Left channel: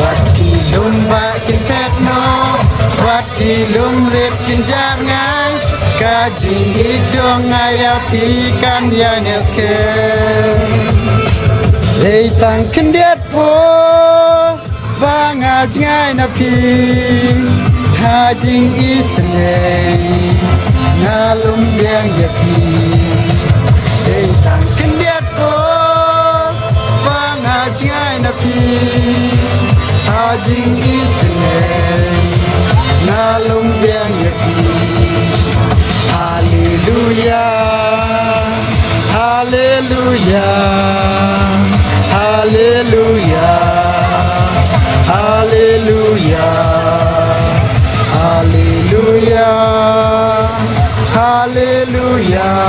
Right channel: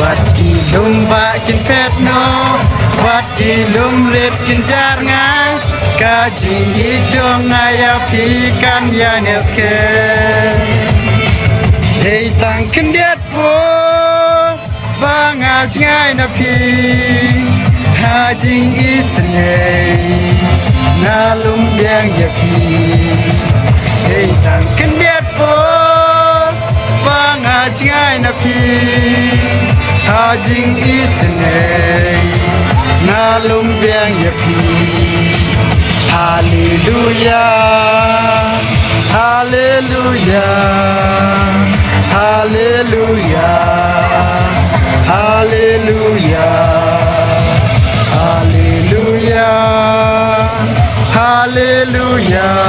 วัดดีลุงมากินเพชรโนวัดดีลุงเล็ดกินจานง่ายกาจิงอีจองไงอาพีกันยาเนสเคเฮ้ยตั้งคันเดียดปูบางอาจง่ายนะพี่หาจิงอีสเนนาลุงเลี้ยงอย่าพี่เฮ้ยตั้งคันเดียดปูบางอาจง่ายนะพี่หาจิงอีสเนนาลุงเลี้ยงอย่าพี่ Hallelujah, Hallelujah, Hallelujah, Hallelujah, Hallelujah, Hallelujah.